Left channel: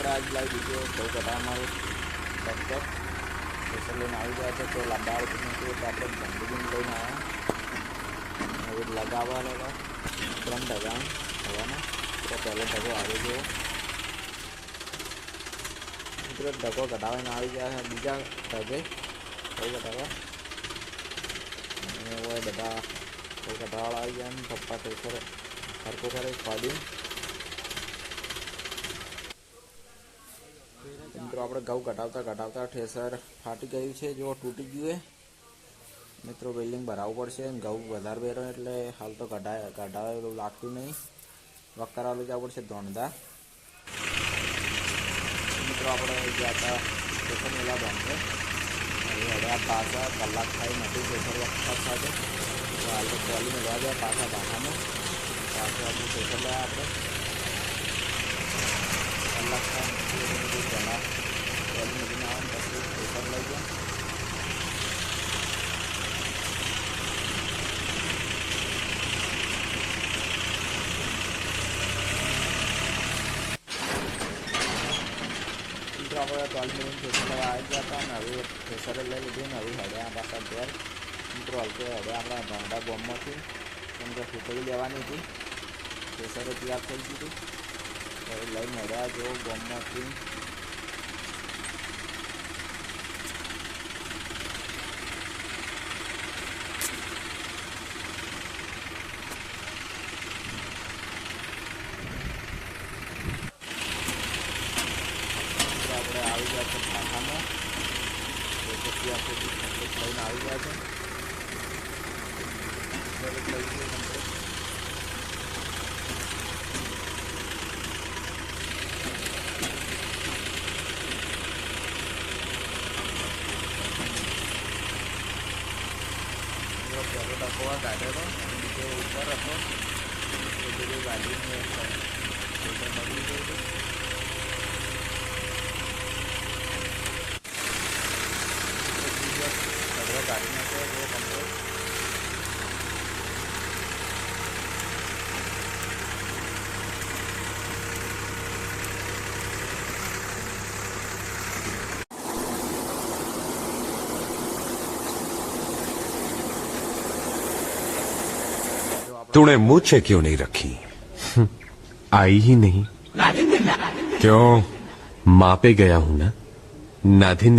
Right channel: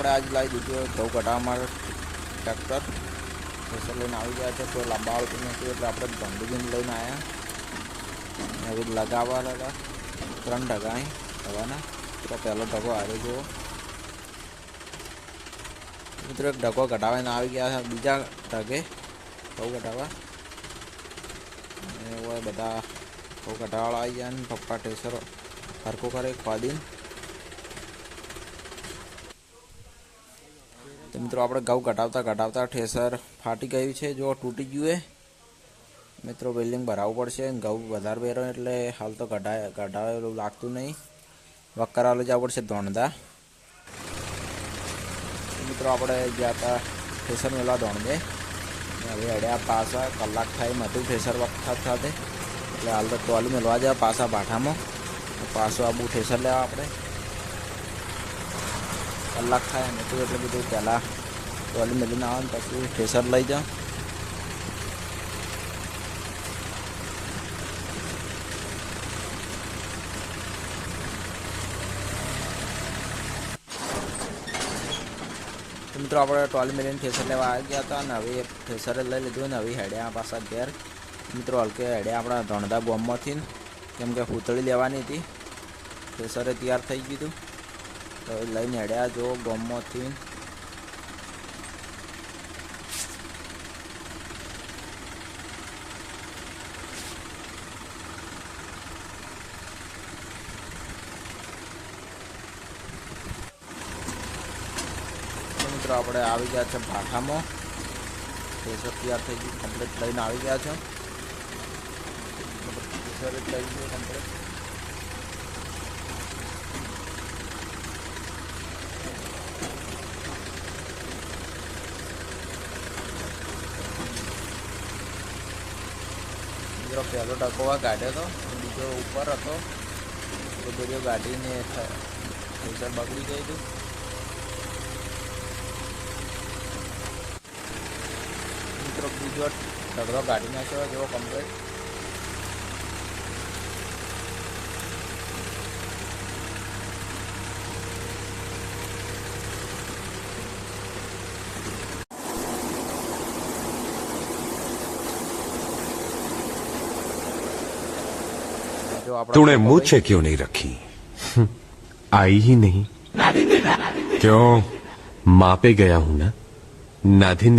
આપણે આજ લાવી દીધું ઘઉં કઢાવવા માટે ટ્રેક્ટર પ્રેશર લઈને આવી ગયા છે. કોઈ લાંબા આવતું નથી એટલે આપણે ભંડીને લઈને આવ્યા. હવે લગાવવાનો હતા 3 ઢગા હવાના. તો પહેલો ઢગો આવી ગયો મિત્રો. એક ઢગો કઢાવીને આવી ગયા છે બીજા ઢગે ઘઉં કઢાવવા. બધા ઘઉં કઢાવાળા આવી ગયા ને પપ્પા ટેસર હરખું કરે ખોદી. મિત્રો આપણે ઘઉં કઢાવતા ઠેસર ફાટી ગયું છે. જો તૂટી ગયું મિત્રો. બિલ્ડિંગ ભરાવવું પડશે. ઘઉં વધારે પહેરો એટલે હાલ તો કઢાવેલું લાગતું નહીં. વકરાલું જવું પડશે ધોણધા. મિત્રો આપણે ગયા હતા ઠેસર મેળવા ધોણધે. હવે હડ્યા પાછા કલાક થાય નથી ઠેસર વખત સાથે એટલે હાલ તો ટોલી મેળવા જાય પાછા ભાઠામાં. પાછું આબુ ઠેસર લેવા આપણે કલાક થાય નથી એટલે બધું પહેલાં ટોલી મેળવીને આવવાનું પછી ઠેસર લઈ જાઓ. મિત્રો આપણે ટોલી મેળવીને ઠેસર લેવા આવી ગયા હતા અને હવે ઠેસર લઈ લીધું ને હવે હેડ્યા પાછા ઘેર. મિત્રો હલકે હેડ્યા આપણા ધોણધા બોમ્બમાંથી કેમ કે પૂતળી લેવાની હતી. ઠેસરે તૈયાર થઈ ગયું તો એ લઈને હેડ્યા જો બોમ્બમાંથી. આપણે આવી ગયા છે ભાઠામાં. તૈયાર થઈ ગયું કમ્પ્લીટ લઈને આવી ગયા છે. લઈ ગયું કમ્પ્લીટ. પહેલો ટકોવા કાઢ્યો હતો બીજો ઉપર હતો. એ બધું ગાડીને બગડી ગયું હતું. સગડો કાઢી નાખ્યો એવો કમ્પ્લીટ. तूने मुझसे क्यों नहीं रखी? आई ही नहीं क्यों? माँ पे गया हूं ना. नाधिन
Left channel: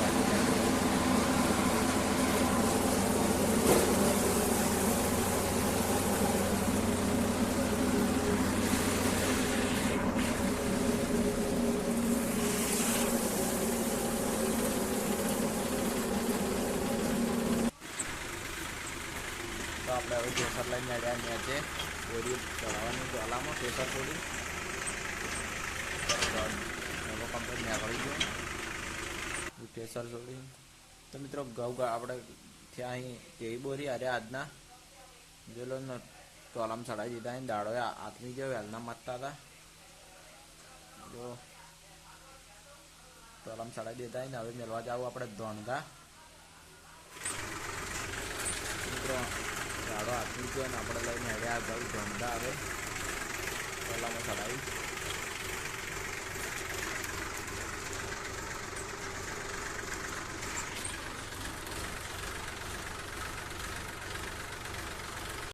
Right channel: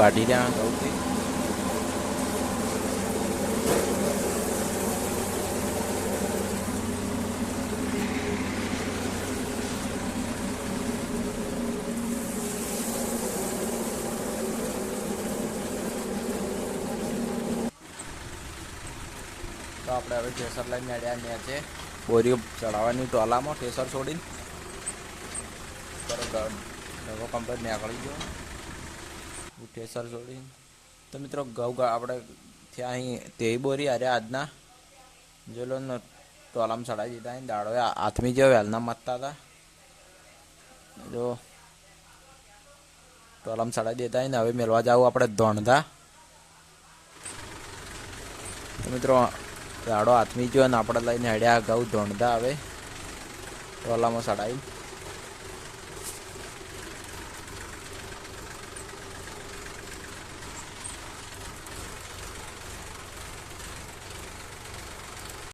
કાઢી રહ્યા. તો આપણે હવે ઠેસર લઈને આવ્યા ત્યાં છે બોરીઓ ચડાવવાની ટોલામાં ઠેસર છોડી કમ્પ્લીટ નીકળી ગયો ઠેસર છોડી. તો મિત્રો ઘઉં આપણે ત્યાં અહીં તેવી બોરી અરે આજના જેલો ટોલામાં ચડાવી દીધા. અહીં દાડો હાથમી જેવો વહેલના મતતા હતા જો ટોલામાં ચડાવી દેતા. ને હવે મેળવા જાવ આપણે ધોણધા. મિત્રો દાડો હાથમી ગયો ને આપણે લઈને હેડ્યા ઘઉં ધોણધા હવે ટોલામાં ચડાવી.